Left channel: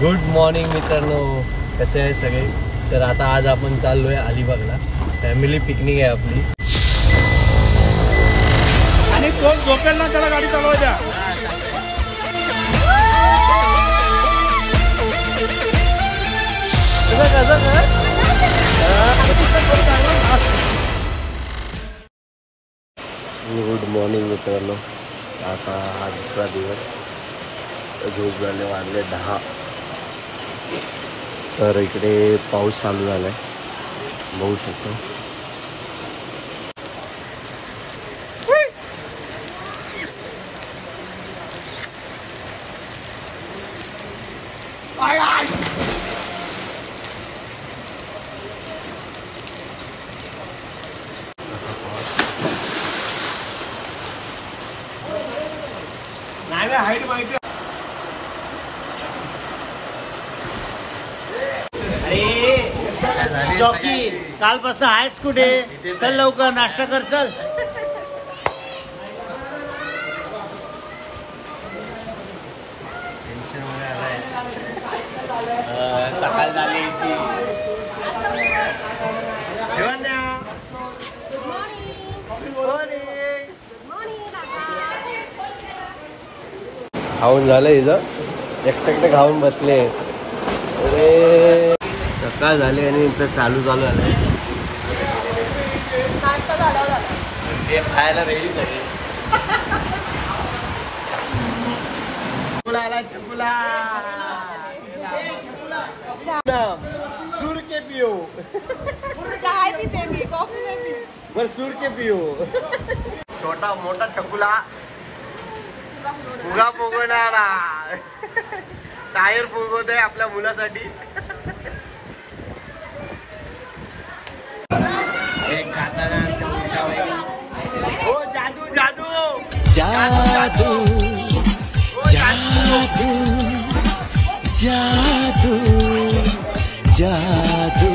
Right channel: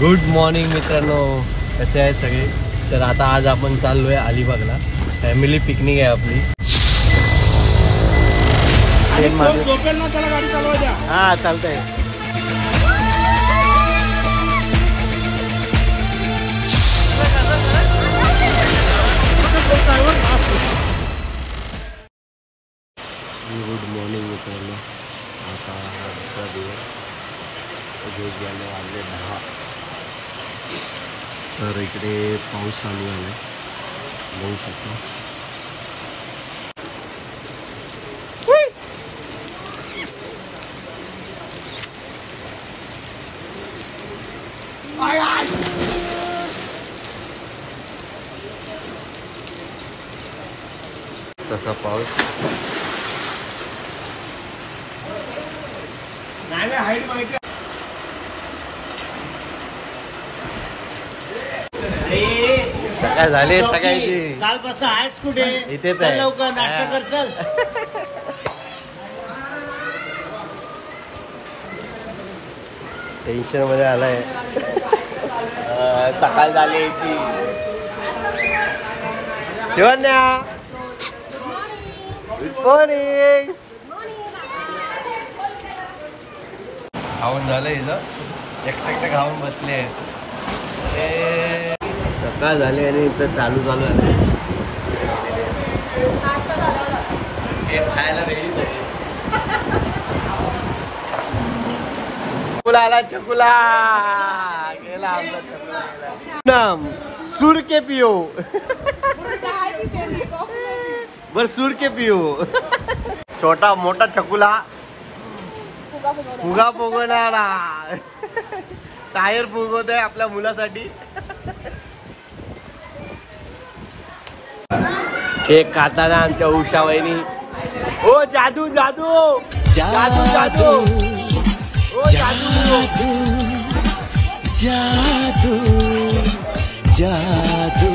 Good morning मित्रांनो, कसे आहे सगळे? तर आता आज आपण चाललोय अलिबागला. फॅमिली पिकनिक आहे आपली. आणि कोण झोपेल ना त्याला गाडी चालवा द्या. हा चालतंय. गुड मॉर्निंग मित्रांनो. आता हा दुसरा दिवस. झोप झाले वाजले 10. तर इकडे पाऊस चालू झालाय, बघू शकतो. तसा पाऊस नाही हाईट माहिती. काय झाले सगळ्यांची? कालपासून आहेस कुठे? इथेच चल आहे. लवकर नाश्ता कर. चल टेन्शन मध्ये आलाय. सकाळ झाली. Shivanya good morning. खाऊन झालं इथं, एकटे खाऊन बसले. अरे सकाळ झाली आणि इथं चालू झालं. ते खायला रेडी झाली. चकुला आला, चकुला गेला. नाम सूर के पियो. बर सूर के पियो. छोटा मोठा चकुला फुगा फुगवणारा. टायर फुगवत आहे आपल्या मुलासाठी. एक काताना आमच्या उषा वहिनी. ओ जादू जादू जादू जादू जादू जादू जादू.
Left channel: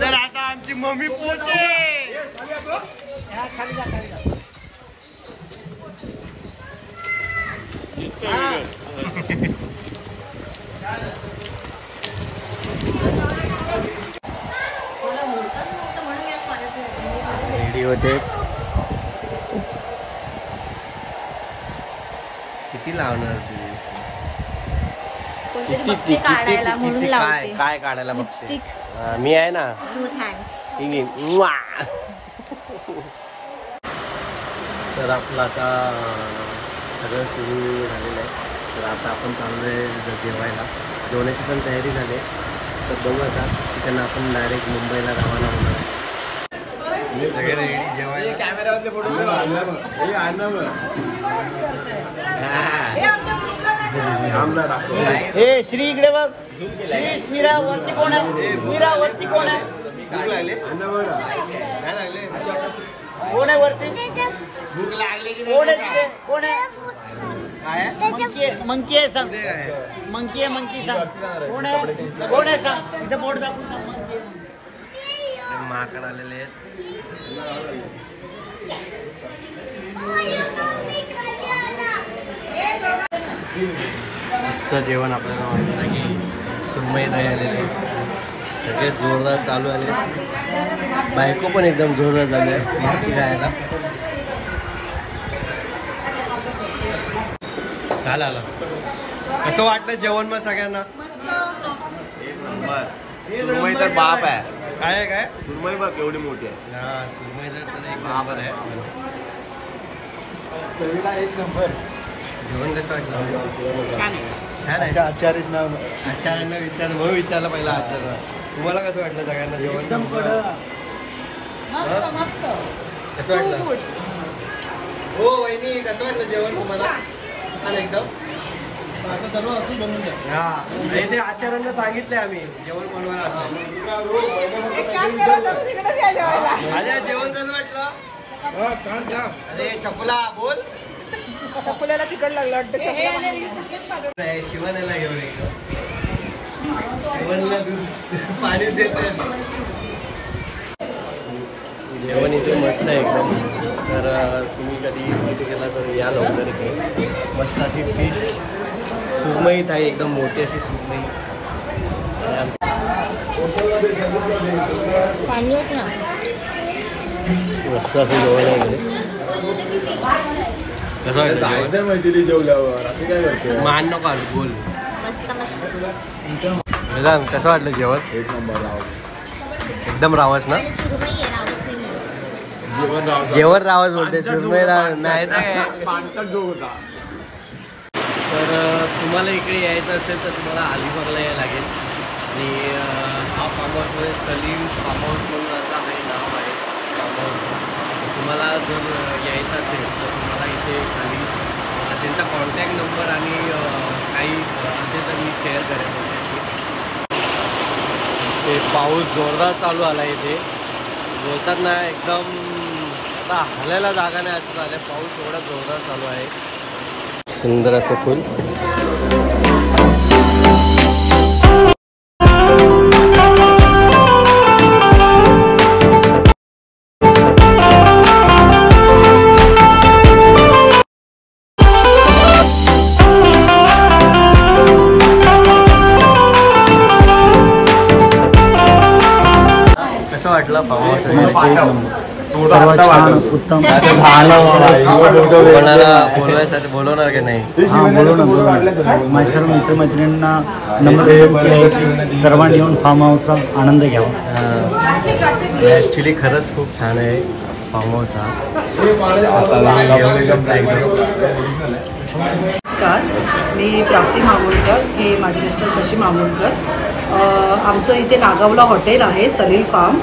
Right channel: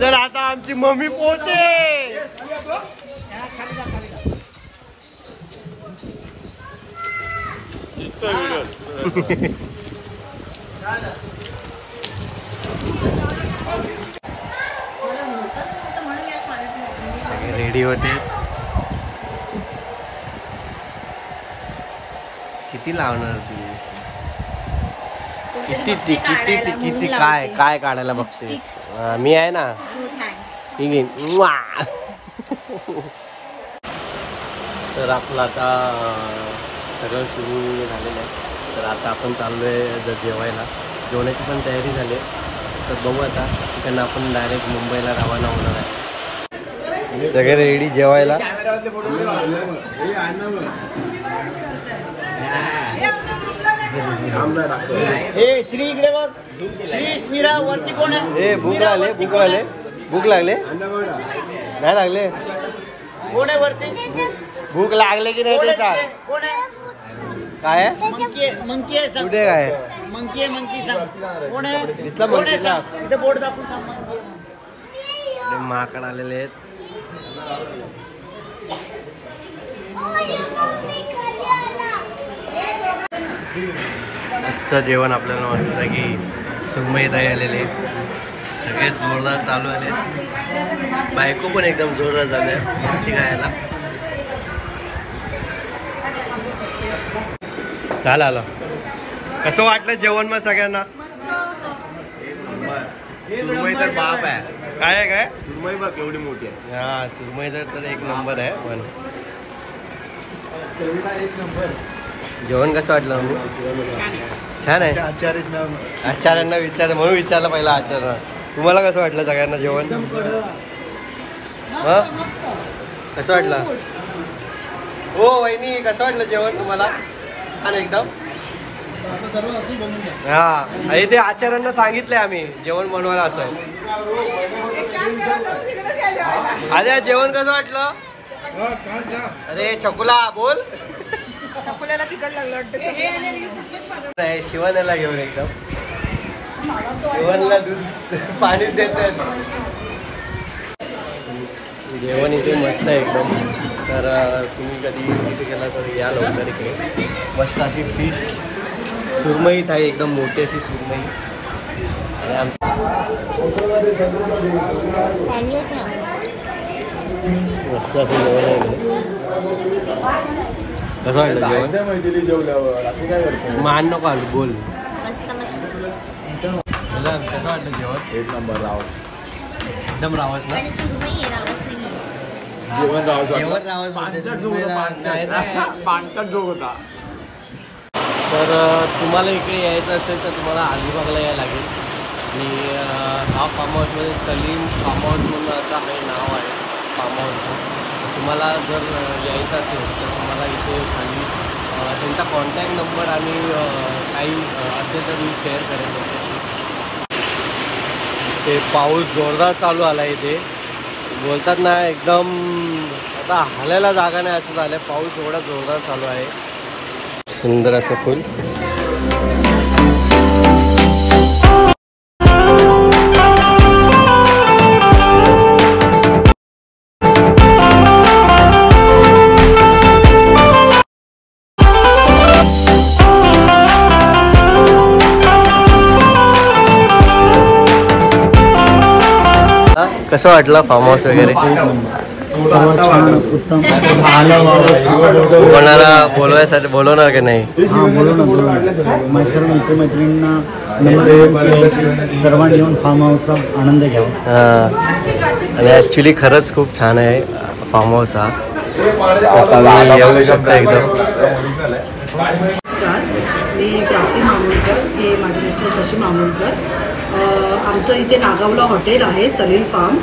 तर आता आमची मम्मी पोहोचते. सगळे रेडी होते. किती लावणार तुम्ही? किती काय काय काढायला बघतेस? मी आहे ना. तर आपलं आता सगळं सुरू झालेलं आहे. तर आता आपण चाललोय जेवायला. जेवणाची पण तयारी झाली. तर बघू आता त्यांना आपण डायरेक्ट मुंबईला रवाना होणार आहे. सगळे रेडी जेवायला. हे श्री इकडे बघ. श्री स्मिरा वरती कोण आहे? भूक लागले, भूक लागले, भूक लागले. नाही लागले. कोण आहे वरती? भूक लागले की नाही ते सांग. कोण आहे? काय आहे? मंकी आहे. सांग कुठे काय? मंकी आहे. मंकी सांग कोण आहे? कोण आहे सांग. इथे बोर्ड दाखवून सांग. मंकी माकड आलेले आहेत. आजचं जेवण आपल्याला मस्त की सुरमई दही आलेले. सगळे जोरदार चालू आले. बायको पण एकदम जोरदार झाली आहे खायला. चाल आलं. कसं वाटलं जेवण मग सगळ्यांना? सुरमई तर बाप आहे. काय आहे काय? सुरमई बघ एवढी मोठी आहे. हा सुरमई तर एक नंबर आहे. एक नंबर. जेवण कसं वाटलं? छान आहे. आचार्यांना विचार म्हणून विचारलं पहिला. आचार्य तुम्हाला कसं वाटलं सगळ्यांना जेवण? कसं वाटलं? हो वहिनी कसं वाटलं जेवण तुम्हाला? छान एकदम. हा हे ते आचार्यांना सांगितले आम्ही जेवण बनवायला असं. अरे जेवण कसं वाटलं? अरे चकुला बोल. चकुल्याला तिकड लागलं वाटतं. शिवनेला घेऊन एकदम शिवनला दूध पाणी देतात. जेवण इथे मस्त आहे एकदम. तर तुम्ही कधी इथे गेला तर या लवकर इथे. मस्त अशी फिश सुरमई आहे एकदम मोठी अशी सुरमई. आणि आमचं मस्त असं जेवण आहे इकडे. कसं वाटलं जेवण? मान नको आलं बोल. मस्त मस्त. कसं वाटलं जेवण? एक नंबर राव. एकदम रावस ना. जेवण रावस बोलते सुरमई नाही ना. जो होता. तर तुम्हाला इकडे यायचं असेल तर तुम्हाला अलिबागला यायला लागेल. आणि हा फार्म हाऊसमध्ये सलीम फार्म हाऊस म्हणून असं आहे नाव आहे फार्म हाऊसचं. तुम्हाला जर यायचं असेल तर तुम्हाला इथे खाली त्यांचा कॉन्टॅक्ट नंबर आणि काही असेल तर मी शेअर करेन त्यांच्याशी. ते पाऊस जोरदार चालू आला इथे. बोलतात ना एकदम आता हालायला जागा नाही असं झालं. पाऊस एवढा जोरदार चालू आहे. सुंदर असं फुल. कसं वाटलं फार्म हाऊस वगैरे? सर्वात छान उत्तम. कोणाला बोलवायसाठी बोलवणार की नाही? हा बोलू ना. माझ्या सर्व मित्रमैत्रिणींना नंबर येऊन सर्वांनी येऊन फार्म हाऊसचा आनंद घ्यावा. ॲक्च्युली खरंच खूप छान आहे फार्म हाऊस हा. तर तुम्ही येऊ शकता एकदम. नमस्कार, मी प्राप्ती मामूलकर. हे माझे मिस्टर शशी मामूलकर. आमचं इथे नागावला हॉटेल आहे सलील फार्म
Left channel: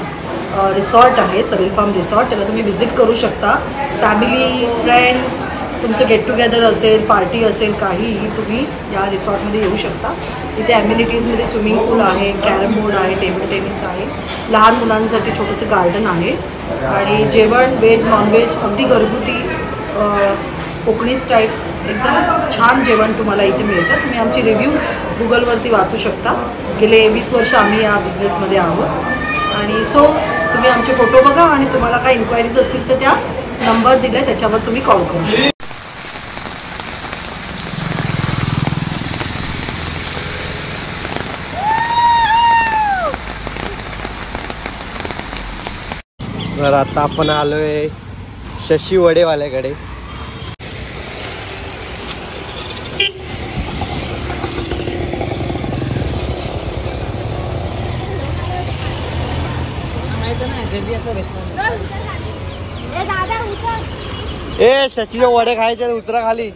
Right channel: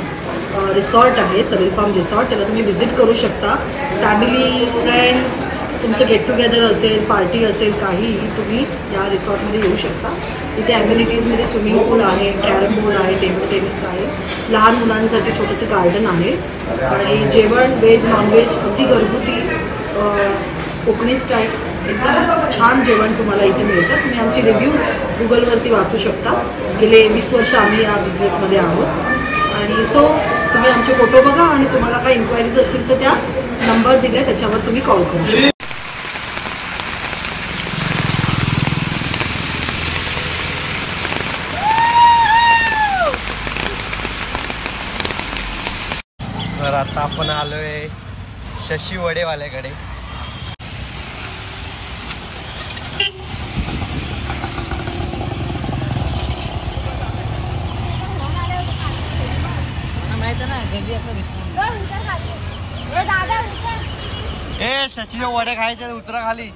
रिसॉर्ट आहे. Salil farm resort. त्याला तुम्ही व्हिजिट करू शकता. फॅमिली फ्रेंड्स तुमचं गेट टुगेदर असेल पार्टी असेल काहीही तुम्ही या रिसॉर्टमध्ये येऊ शकता. इथे ॲम्युनिटीजमध्ये स्विमिंग पूल आहे, कॅरम बोर्ड आहे, टेबल टेनिस आहे, लहान मुलांसाठी छोटंसं गार्डन आहे. आणि जेवण व्हेज नॉनव्हेज अगदी घरगुती कोकणी स्टाईल एकदम छान जेवण तुम्हाला इथे मिळतं. तुम्ही आमचे रिव्ह्यूज गुगलवरती वाचू शकता. गेले 20 वर्ष आम्ही या बिझनेसमध्ये आहोत. आणि सो तुम्ही आमचे फोटो बघा आणि तुम्हाला काही इन्क्वायरीज असतील तर त्या नंबर दिला त्याच्यावर तुम्ही कॉल करू शकता. तर आता आपण आलोय शशी वडेवाल्याकडे. ए शशीचे वडे खायचे उतरा खाली.